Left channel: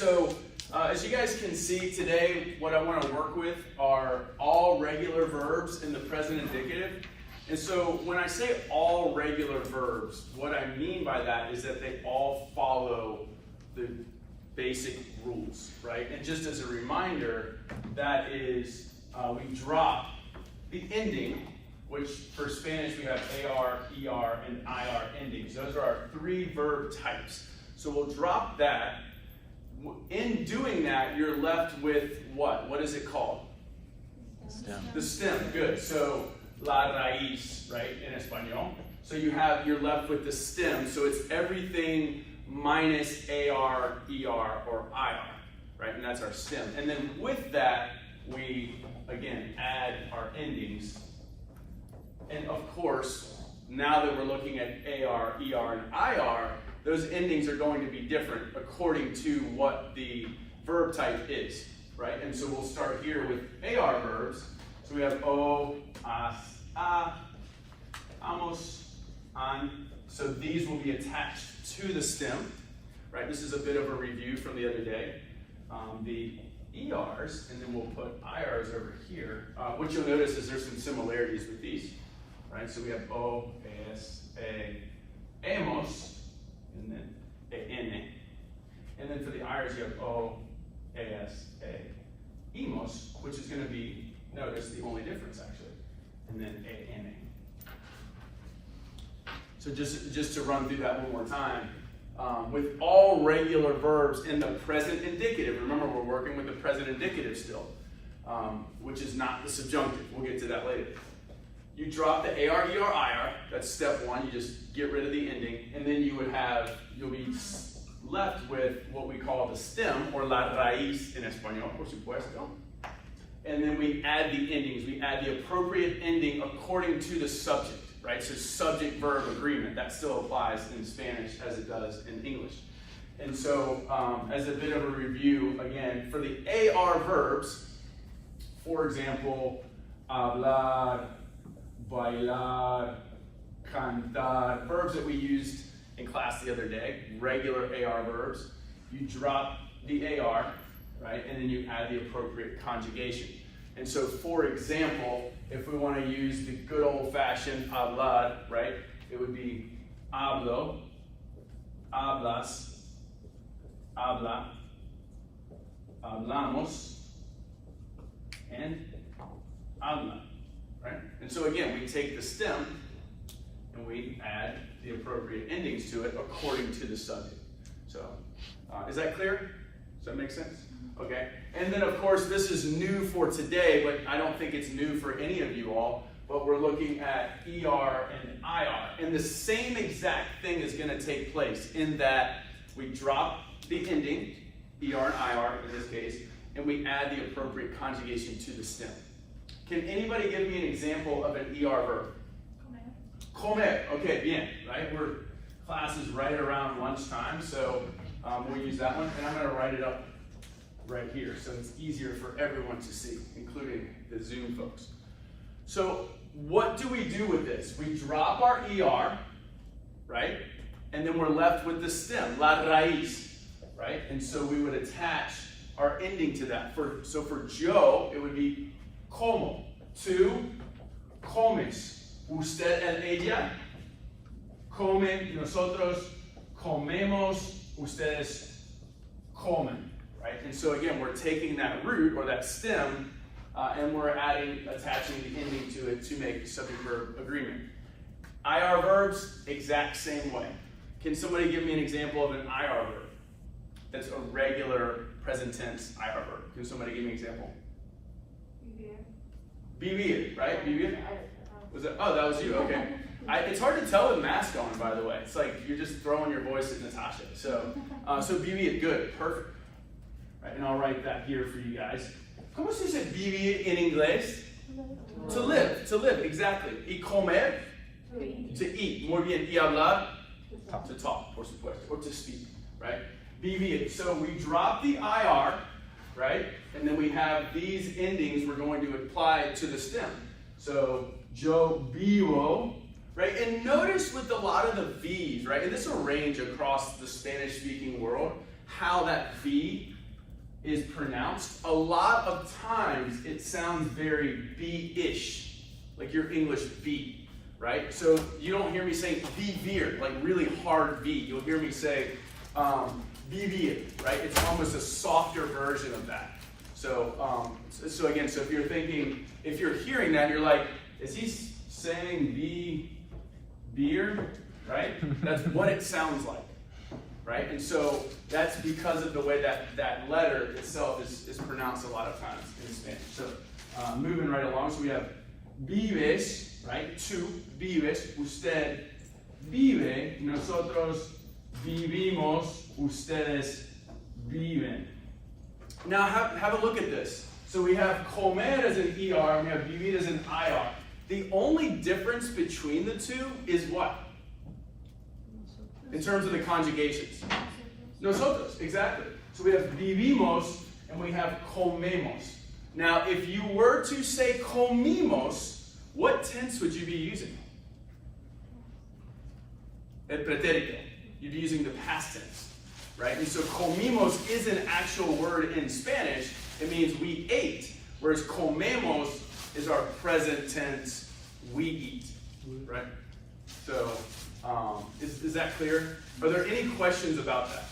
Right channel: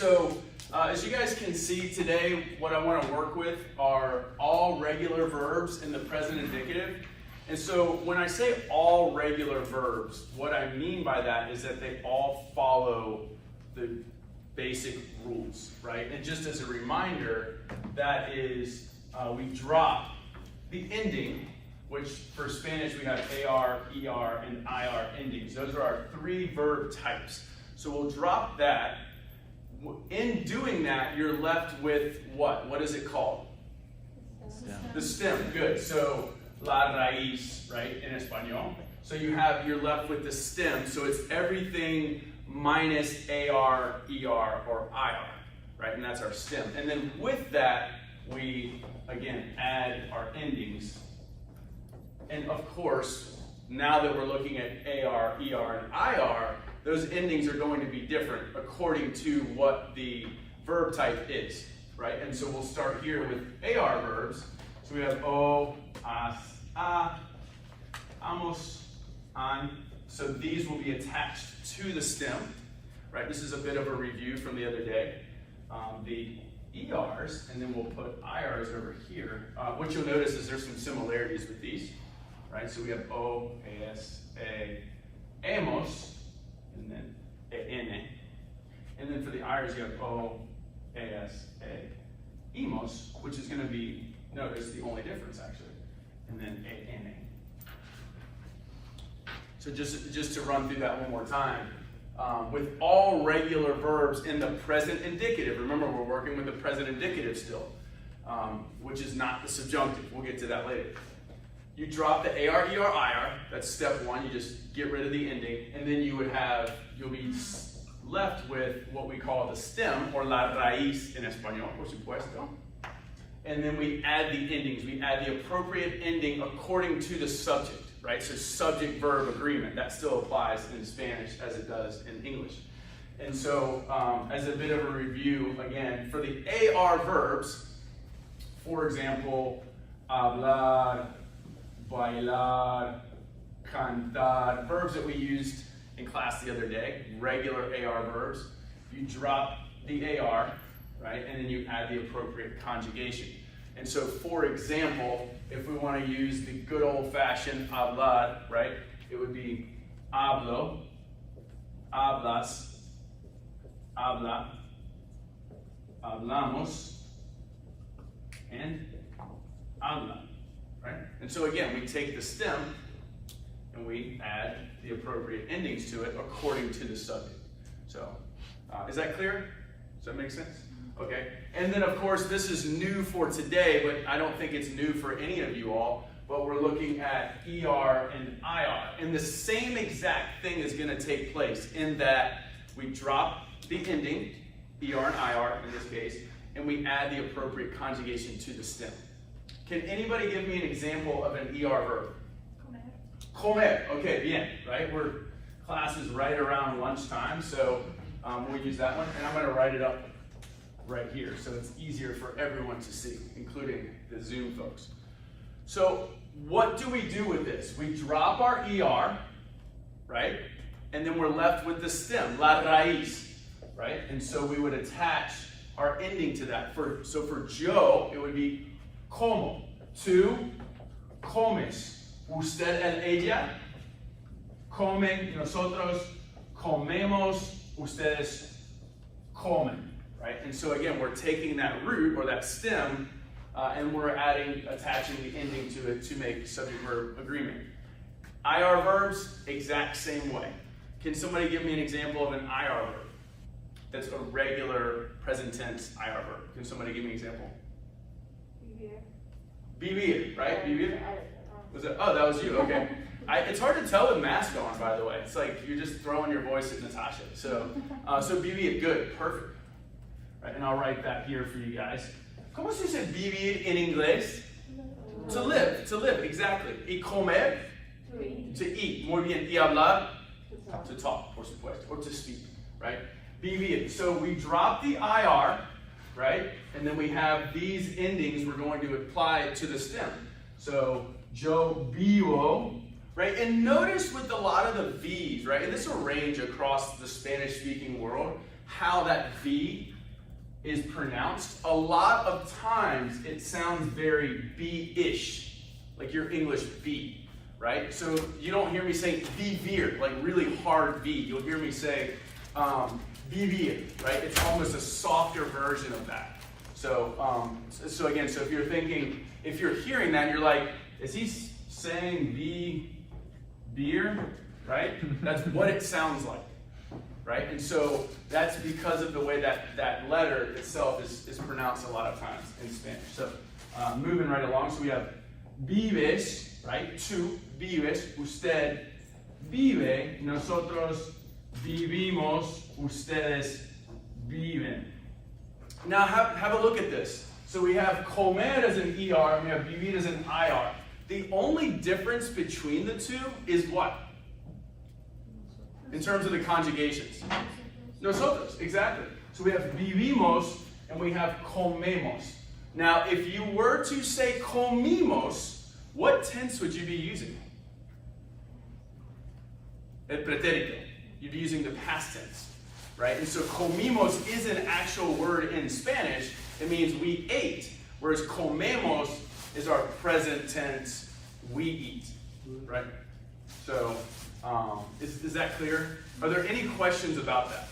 so as you guys can see today, what I want to work with are all regular verbs in the present indicative. And so when I say all regular verbs, what I mean by that is that they all follow the basic rules, right? And just as a reminder, that is, we drop the ending, which for Spanish we have AR, ER, and IR endings. Those are our three verb types. So we'll drop that. In doing that, you're left with what? What is it called? The stem. Good. So la raíz, right, in Espanol. So you're left with the stem. So it's everything minus AR, ER, or IR, right? And that's our stem. And then with that, we, again, add our endings. And of course, now that we're looking at AR, ER, and IR, those endings are going to be different according to what the verb type is, right? And so we'll start here with AR verbs. So we have o, as, a, amos, an. So these will be attached to the stem, right? This is a bit of a review from the other day. The ERs, and then we'll put IRs over here. What you'll notice is there's some similarities with these, right? So we have o, as, a, amos, and then en. And then for the IRs, you have o, as, a, imos, which is going to be, notice, the only difference actually. And then en. So just to run through that one more time, with all regular verbs in the present indicative, remember we're working with the present indicative still, which is not the subjunctive. We'll get to that later. You drop the AR, ER, IR, that's step one, you just get rid of the ending, and then you'll be left with what we call the stem, or la raíz in español, por supuesto. And then we add the endings, we add the appropriate ending according to the subject, right? So subject-verb agreement, that still applies in Spanish as it does in English. And so as a bit of a review, again, for the AR verbs, for example, hablar, bailar, cantar, verbs that we used in class the other day, regular AR verbs. You drop the AR, right, and then you add the appropriate conjugation. And so, for example, if we want to use the good old-fashioned hablar, right, it would be hablo, hablas, habla, hablamos, and habla. Right? And so again, we take the stem and we add the appropriate endings to it according to the subject. So, is that clear? Does that make sense? Okay. And then of course, this is new for today, but I don't think it's new for any of you all, but we're looking at ER and IR. And the same exact thing is going to take place in that we drop the ending, ER and IR in this case, and we add the appropriate conjugation to the stem. Can anybody give me an example of an ER verb? Comer. Comer. Okay, bien, right? Class is right around lunchtime, so we'll use that one. And I'm going to write it up right here so it's easier for everyone to see, including the Zoom folks. So what do we do with this? We drop our ER, right? And then we're left with the stem, la raíz, right? And so we would attach our ending to that. So for Joe, it would be como. Tú comes. Usted and ella comen. Nosotros comemos. Ustedes comen. Right? And so again, we're taking that root or that stem and we're attaching the ending to it to make subject-verb agreement. IR verbs, exact same way. Can somebody give me an example of an IR verb that's a regular present tense IR verb? Can somebody give me an example? Vivir, right? Vivir? Was it? Oh, that was you. Okay. It's hard to tell with mask on, by the way. It's like you're just throwing your voice at Natasha. So vivir, good, perfect. Right, and I'll write that here for you guys. ¿Cómo se dice vivir en inglés? To live, exactly. Y comer, to eat. Muy bien. Y hablar, to talk, por supuesto, or to speak, right? Vivir. So we drop the IR, right? And then we have these endings we're going to apply to the stem. So, yo vivo, right? And notice with a lot of the V's, right? And this will range across the Spanish-speaking world, how that V is pronounced, a lot of times it sounds very be-ish, like your English be, right? So you don't hear me saying vivir, like really hard V. You'll hear me say vivir, right? It's almost a softer version of that. So, so again, so if you're thinking, if you're hearing that, you're like, is he saying beer, right? That's what it sounds like, right? And so that's because of the way that that letter itself is pronounced a lot of times in Spanish. So moving right along, so we have vives, right? Tú vives, usted vive, nosotros vivimos, ustedes viven. Now have a look at this. So we have comer as an ER and we have vivir as an IR. The only difference between the two is what? In terms of the conjugations. Nosotros, exactly. So we have vivimos and we have comemos. Now, if you were to say comimos, what tense would you be using? El pretérito. You'd be using the past tense, right? And so comimos is an actual word in Spanish. It means we ate, whereas comemos is our present tense, we eat, right? So, is that clear? Are there any questions about that?